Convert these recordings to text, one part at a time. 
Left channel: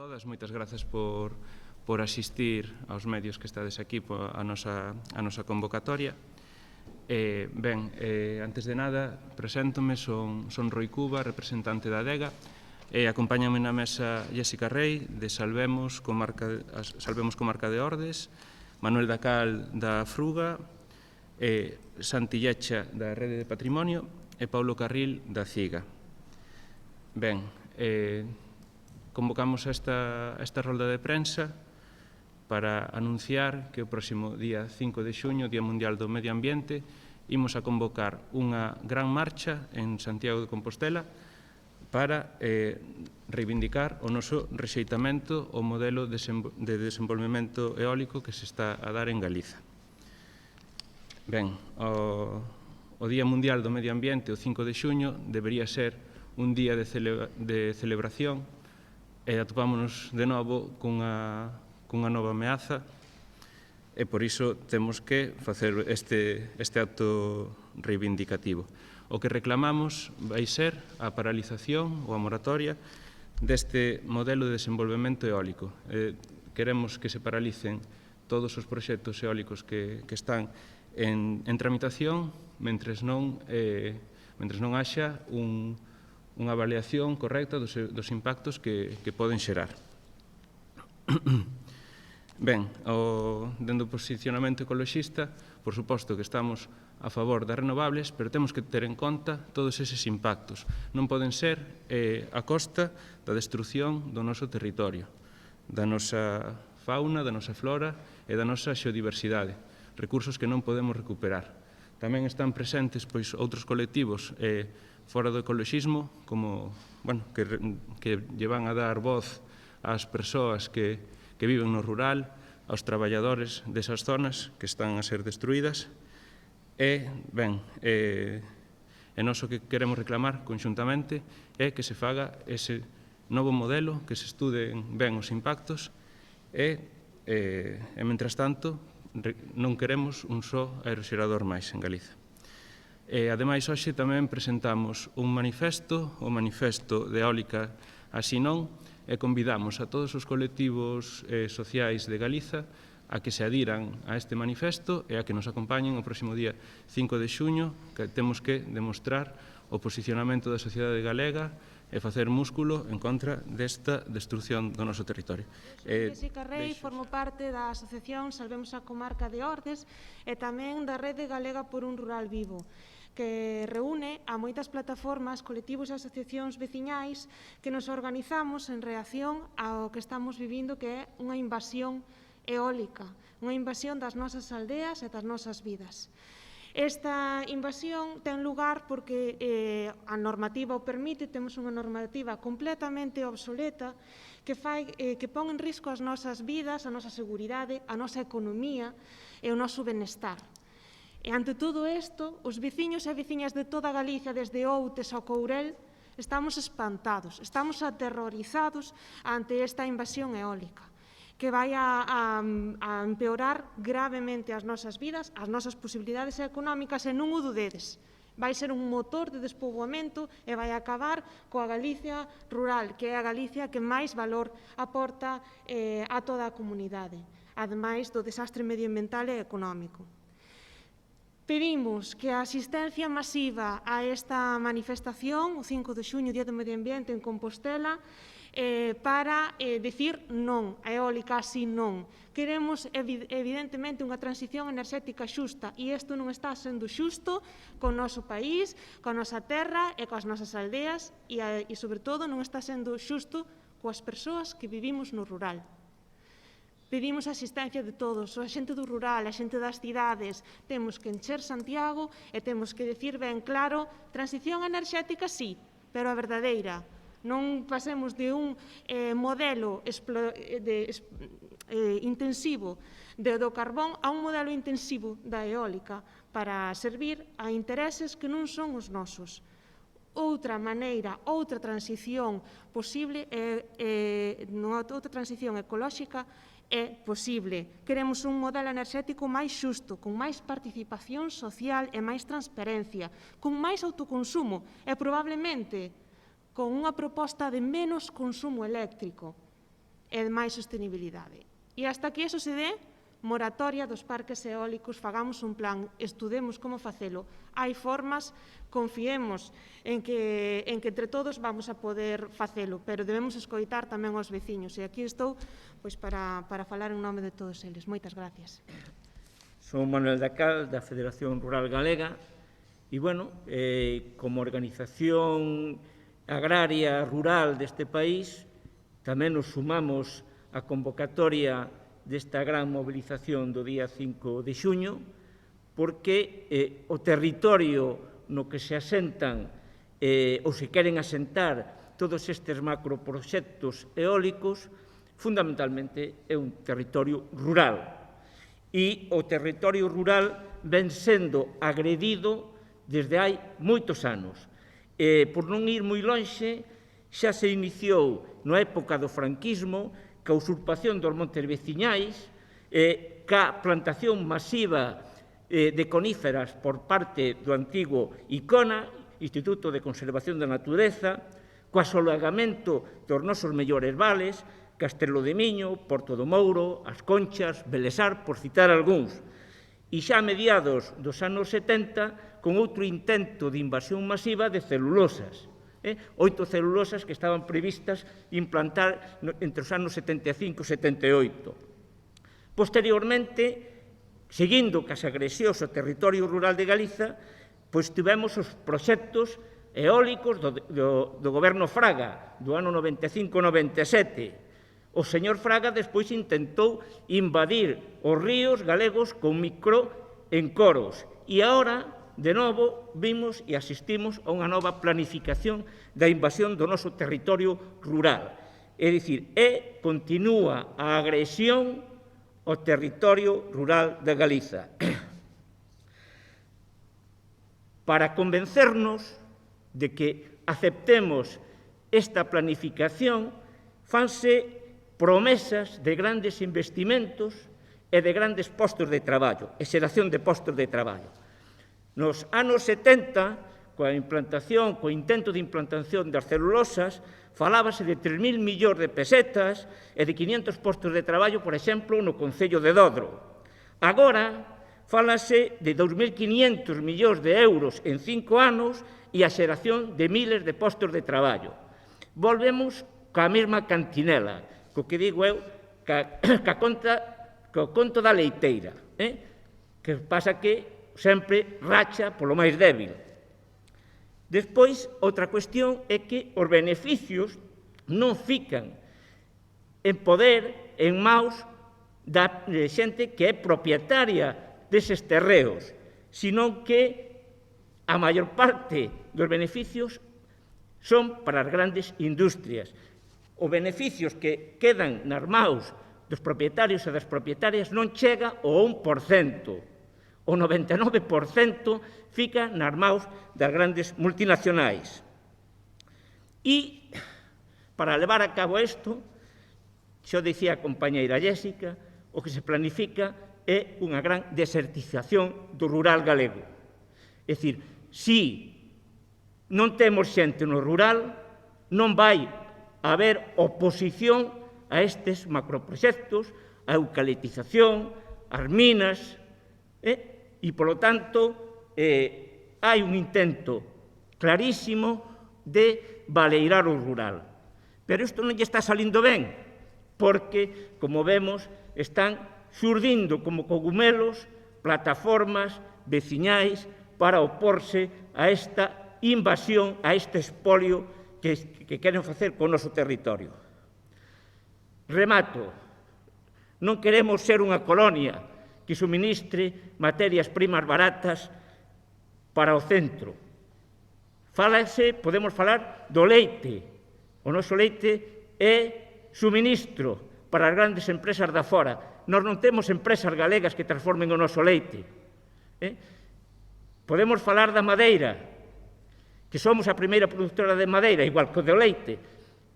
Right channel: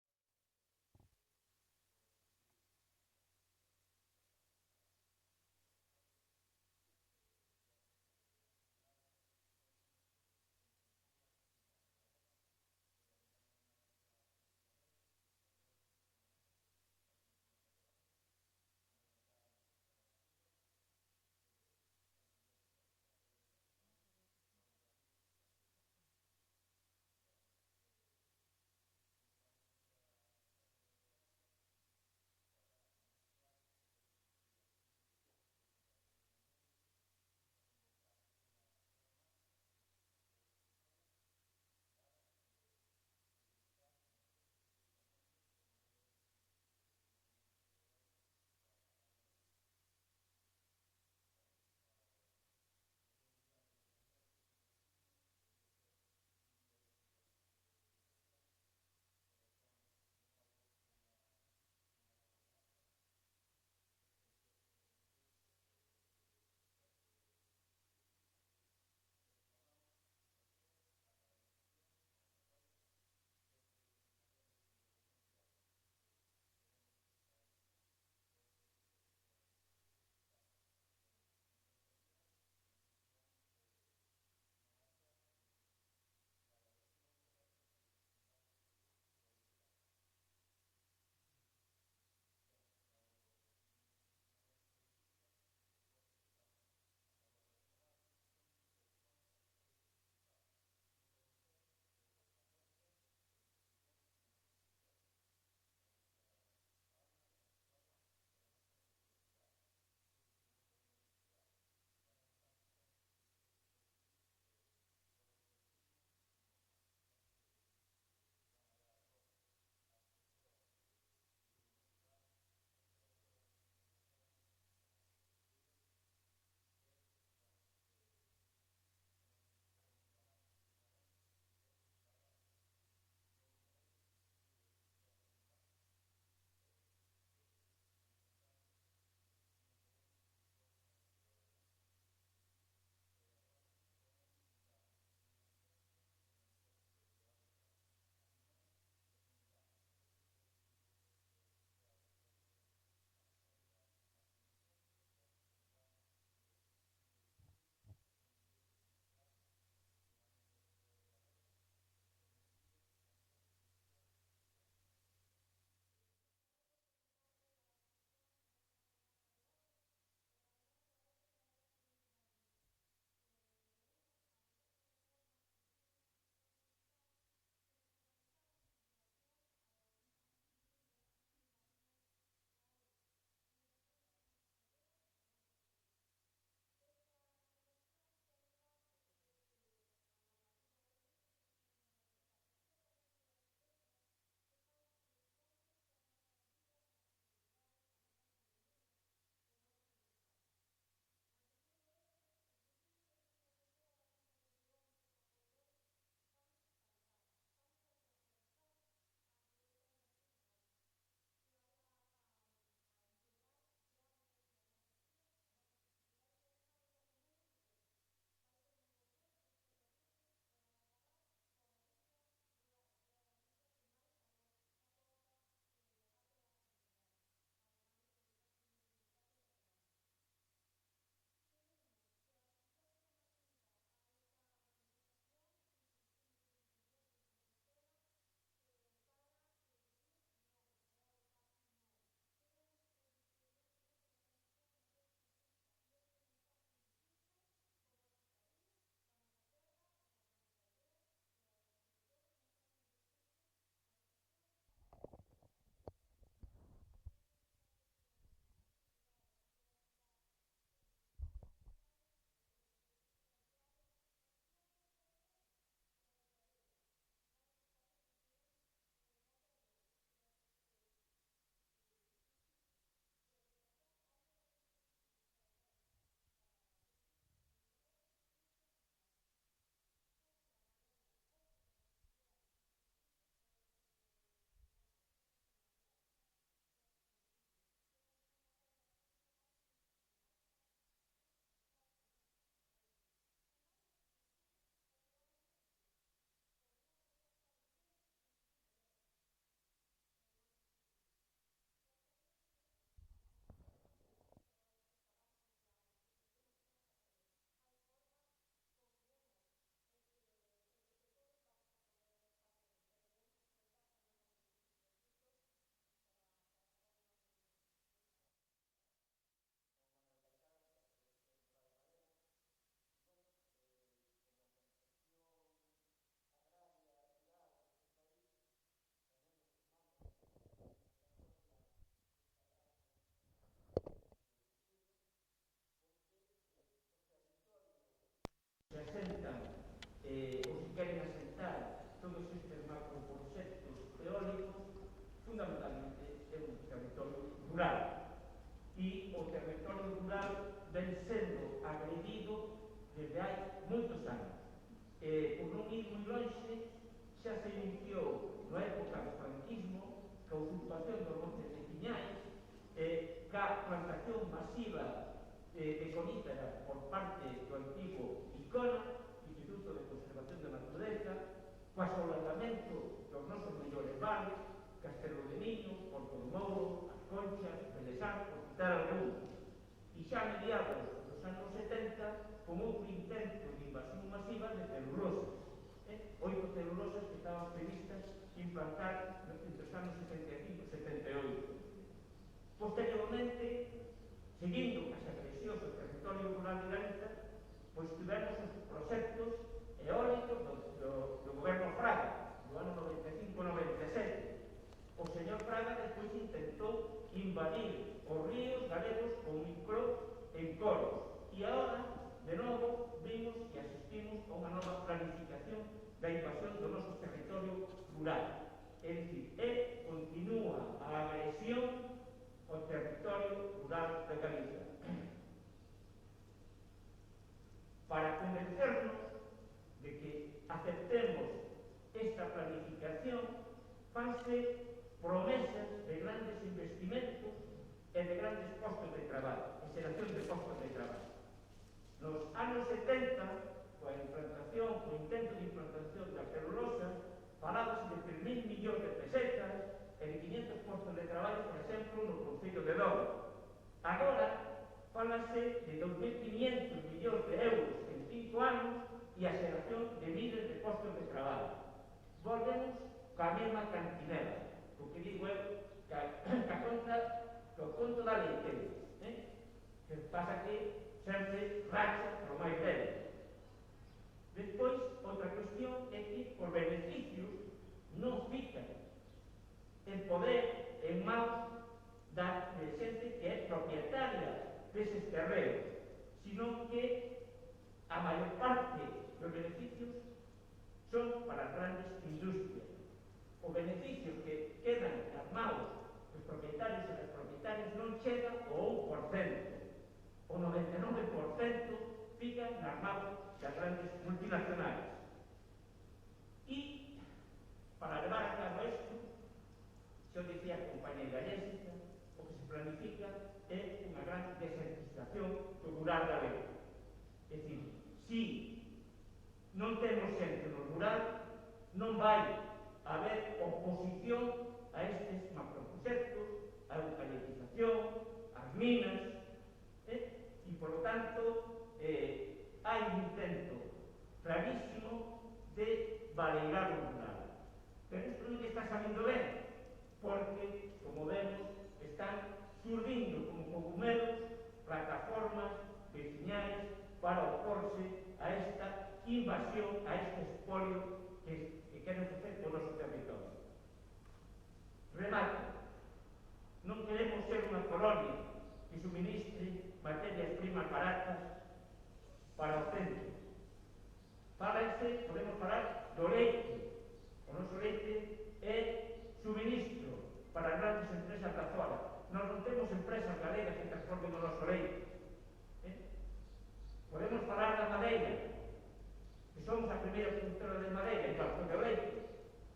todas, moitas grazas por asistir aos medios que estades aquí a nosa convocatoria. Antes de nada, preséntome, son Roi Cuba, representante da Adega, e acompáñame na mesa Jéssica Rey, de Salvemos, comarca de Ordes, Manuel Dacal, da Fruga, Santi Llecha, da Rede de Patrimonio, e Paulo Carril, da CIGA. Convocamos esta rolda de prensa para anunciar que o próximo día 5 de xuño, Día Mundial do Medio Ambiente, imos a convocar unha gran marcha en Santiago de Compostela para reivindicar o noso rexeitamento ao modelo de desenvolvemento eólico que se está a dar en Galiza. O Día Mundial do Medio Ambiente, o 5 de xuño, debería ser un día de celebración e atopámonos de novo cunha nova ameaza e por iso temos que facer este acto reivindicativo. O que reclamamos vai ser a paralización ou a moratoria deste modelo de desenvolvemento eólico. Queremos que se paralicen todos os proxectos eólicos que están en tramitación mentres non haxa unha avaliación correcta dos impactos que poden xerar. Dende o posicionamento ecoloxista, por suposto que estamos a favor das renovables, pero temos que ter en conta todos eses impactos. Non poden ser a costa da destrucción do noso territorio, da nosa fauna, da nosa flora e da nosa xeodiversidade, recursos que non podemos recuperar. Tamén están presentes outros colectivos fora do ecoloxismo, que lle van a dar voz ás persoas que viven no rural, aos traballadores desas zonas que están a ser destruídas. Nós o que queremos reclamar conxuntamente é que se faga ese novo modelo, que se estuden ben os impactos e, mentras tanto, non queremos un só aeroxerador máis en Galiza. Ademais, hoxe tamén presentamos un manifesto, o Manifesto de Eólica Así Non, e convidamos a todos os colectivos sociais de Galiza a que se adiran a este manifesto e a que nos acompañen o próximo día 5 de xuño, que temos que demostrar o posicionamento da sociedade galega e facer músculo en contra desta destrucción do noso territorio. Jéssica Rey, formo parte da asociación Salvemos a Comarca de Ordes e tamén da Rede Galega por un Rural Vivo, que reúne a moitas plataformas, colectivos e asociacións veciñais que nos organizamos en reacción ao que estamos vivindo, que é unha invasión eólica, unha invasión das nosas aldeas e das nosas vidas. Esta invasión ten lugar porque a normativa o permite, temos unha normativa completamente obsoleta que pon en risco as nosas vidas, a nosa seguridade, a nosa economía e o noso benestar. E ante todo isto, os veciños e veciñas de toda Galicia, desde Outes ao Courel, estamos espantados, estamos aterrorizados ante esta invasión eólica, que vai a empeorar gravemente as nosas vidas, as nosas posibilidades económicas, e non o dudedes. Vai ser un motor de despoboamento e vai acabar coa Galicia rural, que é a Galicia que máis valor aporta a toda a comunidade, ademais do desastre medioambiental e económico. Pedimos que a asistencia masiva a esta manifestación, o 5 de xuño, Día do Medio Ambiente, en Compostela, para decir non, a eólica así non. Queremos, evidentemente, unha transición enerxética xusta, e isto non está sendo xusto co noso país, coa nosa terra e coas nosas aldeas, e, sobre todo, non está sendo xusto coas persoas que vivimos no rural. Pedimos a asistencia de todos, a xente do rural, a xente das cidades. Temos que encher Santiago e temos que decir ben claro: transición enerxética sí, pero a verdadeira. Non pasemos de un modelo intensivo do carbón a un modelo intensivo da eólica para servir a intereses que non son os nosos. Outra maneira, outra transición posible, outra transición ecolóxica é posible. Queremos un modelo enerxético máis xusto, con máis participación social e máis transparencia, con máis autoconsumo e probablemente con unha proposta de menos consumo eléctrico. e máis sostenibilidade. E hasta que eso se dé, moratoria dos parques eólicos, fagamos un plan, estudemos como facelo. Hai formas, confiemos en que entre todos vamos a poder facelo, pero debemos escoitar tamén aos veciños. E aquí estou para falar en nome de todos eles. Moitas gracias. Son Manuel Dacal, da Federación Rural Galega, e, como organización agraria rural deste país, tamén nos sumamos á convocatoria desta gran mobilización do día 5 de xuño, porque o territorio no que se asentan ou se queren asentar todos estes macroproxectos eólicos, fundamentalmente é un territorio rural. E o territorio rural ven sendo agredido desde hai moitos anos. Por non ir moi lonxe, xa se iniciou na época do franquismo ca usurpación dos montes veciñais, ca plantación masiva de coníferas por parte do antigo ICONA, Instituto de Conservación da Natureza, co asolagamento dos nosos mellores vales, Castelo de Miño, Porto do Mouro, As Conchas, Belesar, por citar algúns. E xa a mediados dos anos 70, con outro intento de invasión masiva de celulosas. 8 celulosas que estaban previstas implantar entre os anos 75 e 78. Posteriormente, seguindo cas agresións ao territorio rural de Galiza, tivemos os proxectos eólicos do goberno Fraga, do ano 95-97. O señor Fraga despois intentou invadir os ríos galegos con microencoros. E agora, de novo, vimos e asistimos a unha nova planificación da invasión do noso territorio rural. É dicir, continúa a agresión ao territorio rural de Galiza. Para convencernos de que aceptemos esta planificación, fanse promesas de grandes investimentos e de grandes postos de traballo, e xeración de postos de traballo. Nos anos 70, coa intento de implantación das celulosas, falábase de 3.000 millóns de pesetas e de 500 postos de traballo, por exemplo, no Concello de Dodro. Agora, fálase de 2.500 millóns de euros en 5 anos e a xeración de miles de postos de traballo. Volvemos coa mesma cantinela, co que digo eu, co conto da leiteira, que pasa que sempre racha polo máis débil. Despois, outra cuestión é que os beneficios non fican en poder, en maus da xente que é propietaria deses terreos, sino que a maior parte dos beneficios son para as grandes industrias. Os beneficios que quedan nas maus dos propietarios e das propietarias non chega ao 1%. O 99% fica nas maus das grandes multinacionais. E, para levar a cabo isto, xo dicía a compañeira Jéssica, o que se planifica é unha gran desertización do rural galego. É dicir, se non temos xente no rural, non vai haber oposición a estes macroproxectos, a eucaliptización, as minas, e, polo tanto, hai un intento clarísimo de baleirar o rural. Pero isto non lle está salindo ben, porque, como vemos, están xurdindo como cogumelos plataformas veciñais para oporse a esta invasión, a este espolio que queren facer co noso territorio. Remato. Non queremos ser unha colonia que suministre materias primas baratas para o centro. Podemos falar do leite. O noso leite é suministro para as grandes empresas da fora. Nós non temos empresas galegas que transformen o noso leite. Podemos falar da madeira, que somos a primeira produtora de madeira, igual que o do leite,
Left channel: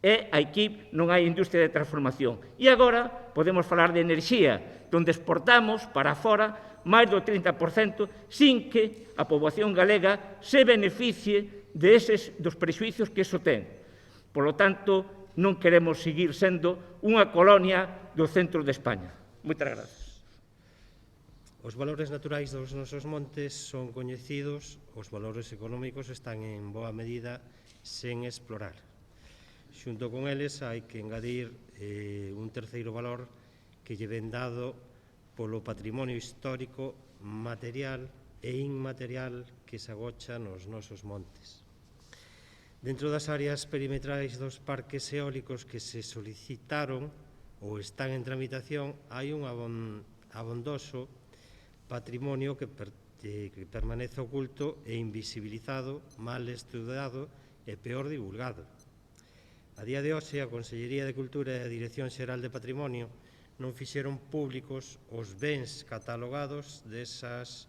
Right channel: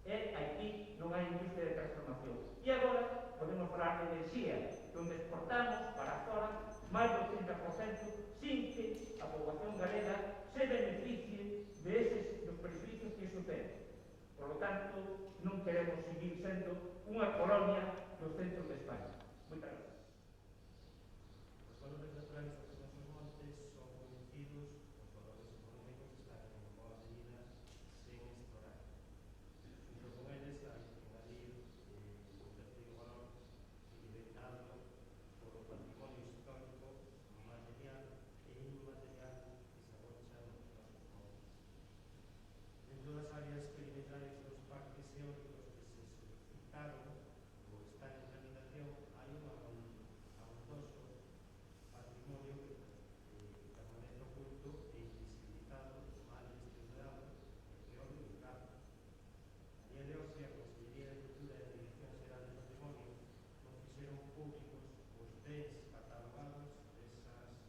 e aquí non hai industria de transformación. E agora podemos falar de enerxía, onde exportamos para fora máis do 30% sin que a poboación galega se beneficie dos prexuicios que iso ten. Por lo tanto, non queremos seguir sendo unha colonia do centro de España. Moitas grazas. Os valores naturais dos nosos montes son coñecidos, os valores económicos están en boa medida sen explorar. Xunto con eles hai que engadir un terceiro valor que lle ven dado polo patrimonio histórico, material e inmaterial que se agocha nos nosos montes. Dentro das áreas perimetrais dos parques eólicos que se solicitaron ou están en tramitación, hai un abondoso patrimonio que permanece oculto e invisibilizado, mal estudado e peor divulgado. A día de hoxe, a Consellería de Cultura e a Dirección Xeral de Patrimonio non fixeron públicos os bens catalogados desas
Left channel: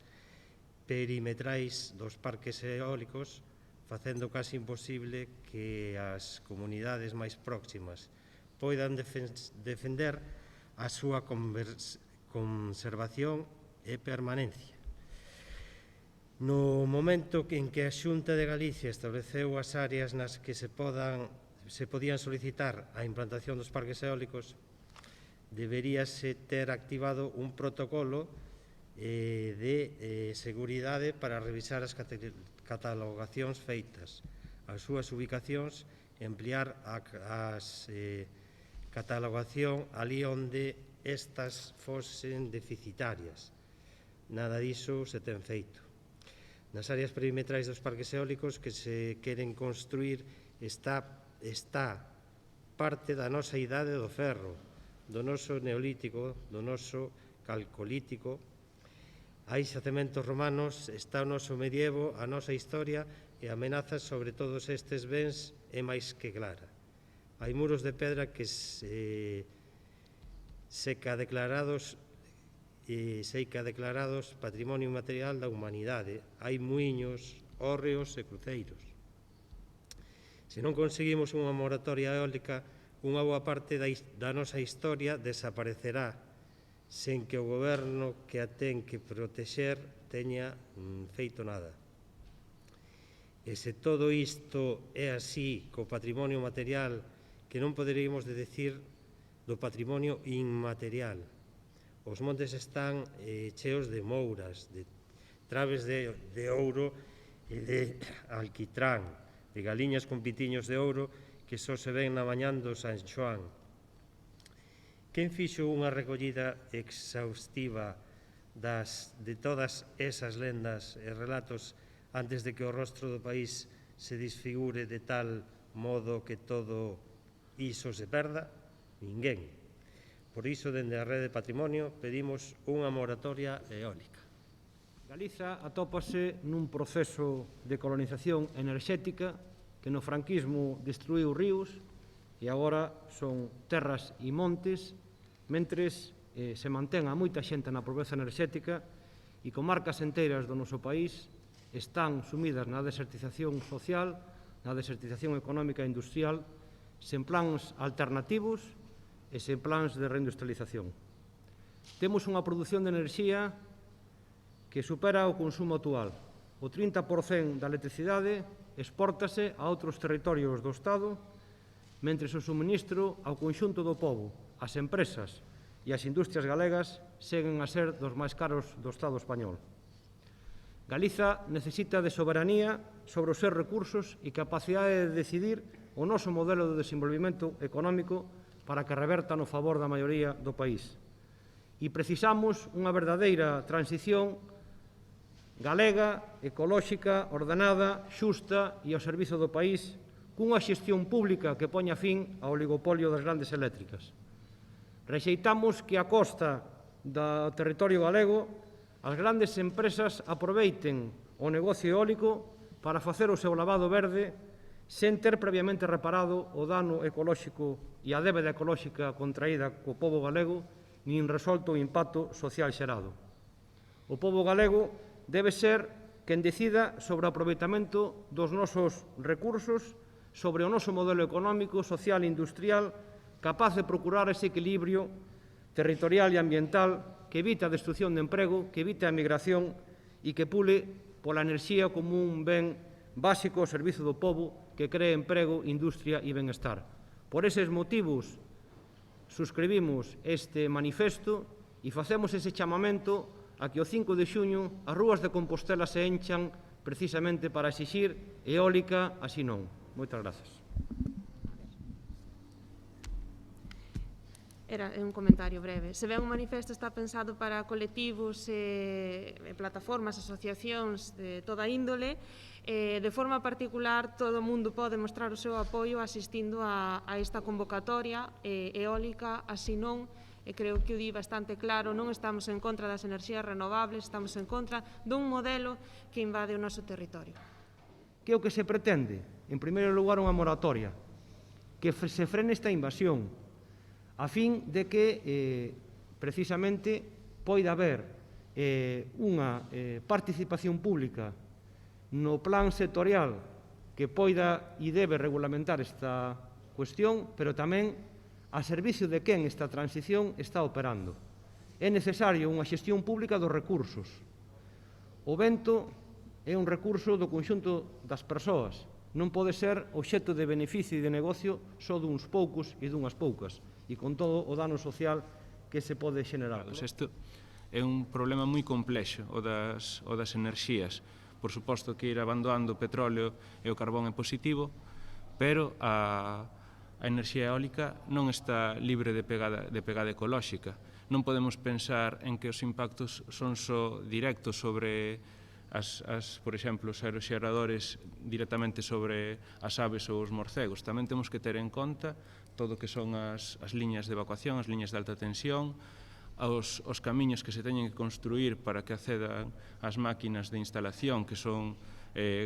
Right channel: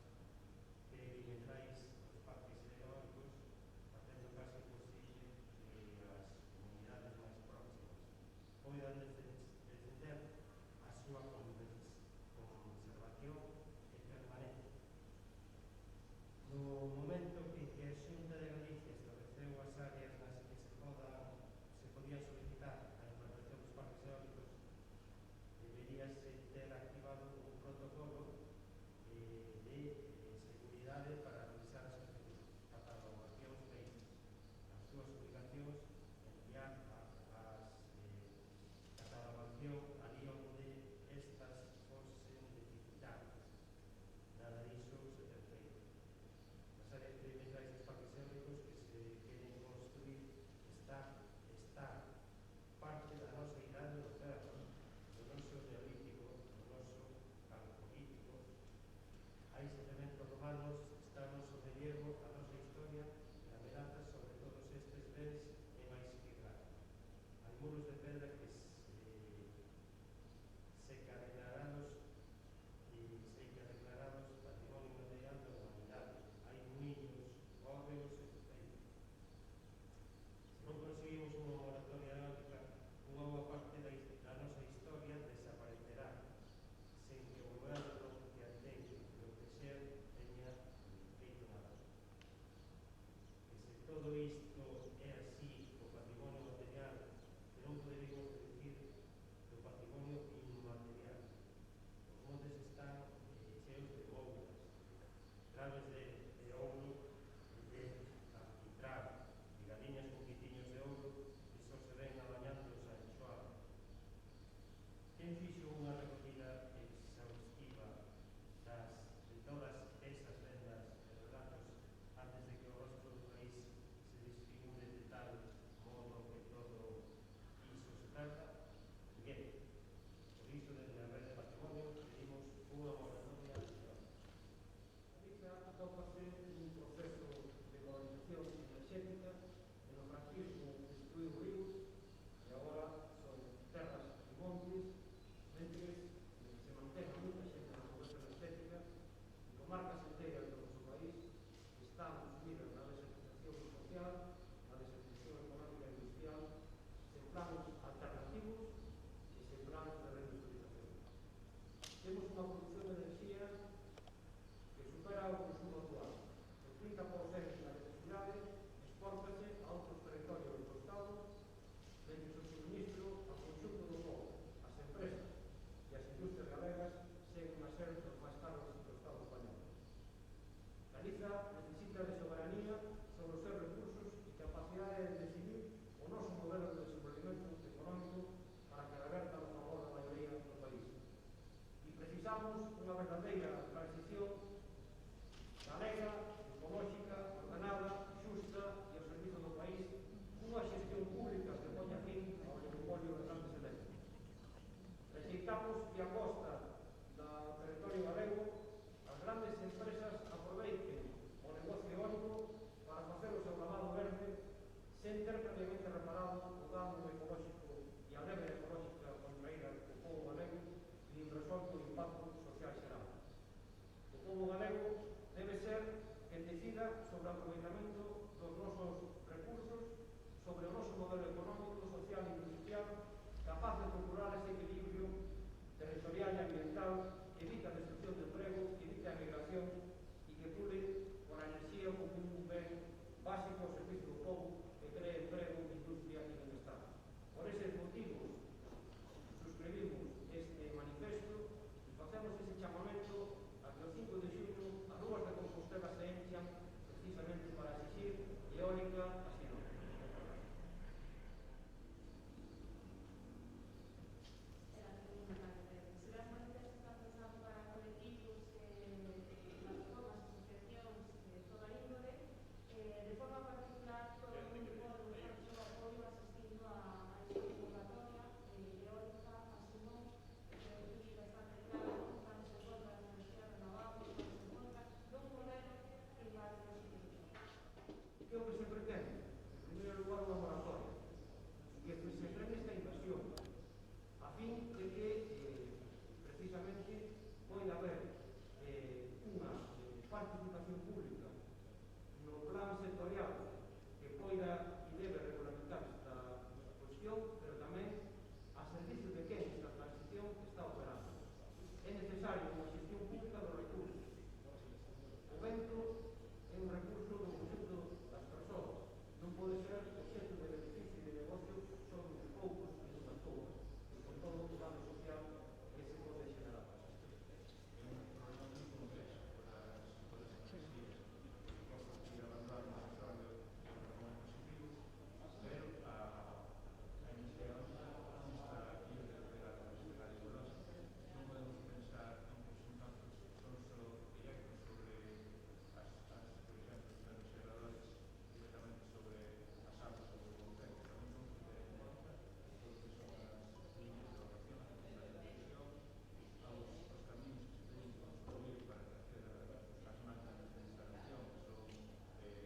perimetrais dos parques eólicos, facendo casi imposible que as comunidades máis próximas poidan defender a súa conservación e permanencia. No momento en que a Xunta de Galicia estableceu as áreas nas que se podían solicitar a implantación dos parques eólicos, deberíase ter activado un protocolo de seguridade para revisar as catalogacións feitas, as súas ubicacións e ampliar as catalogación ali onde estas fosen deficitarias. Nada diso se ten feito. Nas áreas perimetrais dos parques eólicos que se queren construir está parte da nosa idade do ferro, do noso neolítico, do noso calcolítico. Hai xacementos romanos, está o noso medievo, a nosa historia e a amenaza sobre todos estes bens é máis que clara. Hai muros de pedra que seica declarados patrimonio inmaterial da humanidade. Hai muiños, hórreos e cruceiros. Se non conseguimos unha moratoria eólica, unha boa parte da nosa historia desaparecerá sen que o goberno que a ten que protexer teña feito nada. E se todo isto é así co patrimonio material, que non poderíamos decir do patrimonio inmaterial. Os montes están cheos de mouras, de traves de ouro e de alquitrán, de galiñas con pitiños de ouro que só se ven na mañán do San Xoán. Quen fixo unha recollida exhaustiva de todas esas lendas e relatos antes de que o rostro do país se desfigure de tal modo que todo iso se perda? Ninguén. Por iso, dende a Rede de Patrimonio, pedimos unha moratoria eólica. Galiza atópase nun proceso de colonización enerxética que no franquismo destruiu ríos e agora son terras e montes, mentres se mantén a moita xente na pobreza enerxética e comarcas enteiras do noso país están sumidas na desertización social, na desertización económica e industrial, sen plans alternativos e sen plans de reindustrialización. Temos unha produción de enerxía que supera o consumo actual. O 30% da electricidade expórtase a outros territorios do Estado, mentres o suministro ao conxunto do pobo, as empresas e as industrias galegas seguen a ser dos máis caros do Estado español. Galiza necesita de soberanía sobre os seus recursos e capacidade de decidir o noso modelo de desenvolvimento económico para que reverta no favor da maioría do país. E precisamos unha verdadeira transición galega, ecolóxica, ordenada, xusta e ao servizo do país, cunha xestión pública que poña fin ao oligopolio das grandes eléctricas. Rexeitamos que a costa do territorio galego as grandes empresas aproveiten o negocio eólico para facer o seu lavado verde sen ter previamente reparado o dano ecolóxico e a débeda ecolóxica contraída co pobo galego nin resolto o impacto social xerado. O pobo galego debe ser quen decida sobre o aproveitamento dos nosos recursos, sobre o noso modelo económico, social e industrial, capaz de procurar ese equilibrio territorial e ambiental que evite a destrucción de emprego, que evite a migración e que pule pola enerxía como un ben básico ao servizo do pobo que cree emprego, industria e benestar. Por eses motivos suscribimos este manifesto e facemos ese chamamento a que o 5 de xuño as rúas de Compostela se enchan precisamente para exixir eólica, así non. Moitas grazas. Era un comentario breve. Se ben o manifesto está pensado para colectivos e plataformas, asociacións de toda índole, de forma particular todo o mundo pode mostrar o seu apoio asistindo a esta convocatoria eólica, así non, e creo que o di bastante claro, non estamos en contra das enerxías renovables, estamos en contra dun modelo que invade o noso territorio. Que é o que se pretende? En primeiro lugar, unha moratoria, que se frene esta invasión, a fin de que, precisamente, poida haber unha participación pública no plan sectorial que poida e debe regulamentar esta cuestión, pero tamén a servicio de quen esta transición está operando. É necesario unha xestión pública dos recursos. O vento é un recurso do conxunto das persoas, non pode ser obxecto de beneficio e de negocio só duns poucos e dunhas poucas, e con todo o dano social que se pode xenerar. Isto é un problema moi complexo, o das enerxías. Por suposto que ir abandonando o petróleo e o carbón é positivo, pero a enerxía eólica non está libre de pegada ecolóxica. Non podemos pensar en que os impactos son só directos sobre por exemplo, os aeroxeradores directamente sobre as aves ou os morcegos. Tamén temos que ter en conta todo o que son as liñas de evacuación, as liñas de alta tensión, os camiños que se teñen que construir para que accedan as máquinas de instalación, que son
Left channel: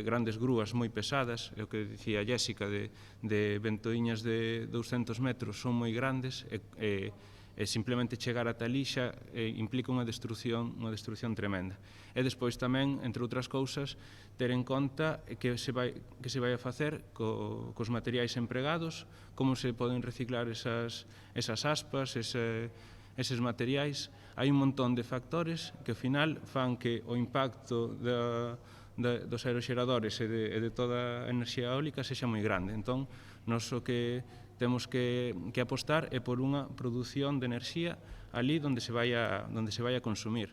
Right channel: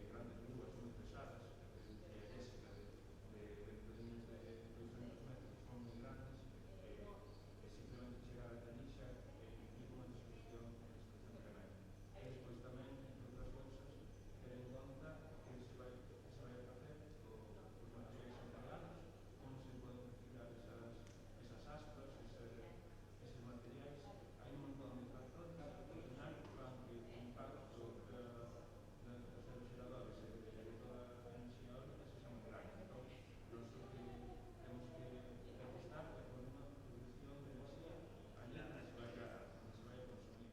grandes grúas moi pesadas, é o que dicía Jéssica, de ventoiñas de 200 metros, son moi grandes, e simplemente chegar ata ali xa implica unha destrucción tremenda. E despois tamén, entre outras cousas, ter en conta que se vai a facer cos materiais empregados, como se poden reciclar esas aspas, eses materiais. Hai un montón de factores que ao final fan que o impacto dos aeroxeradores e de toda a enerxía eólica sexa moi grande. Entón, nós o que temos que apostar é por unha produción de enerxía ali onde se vai a consumir.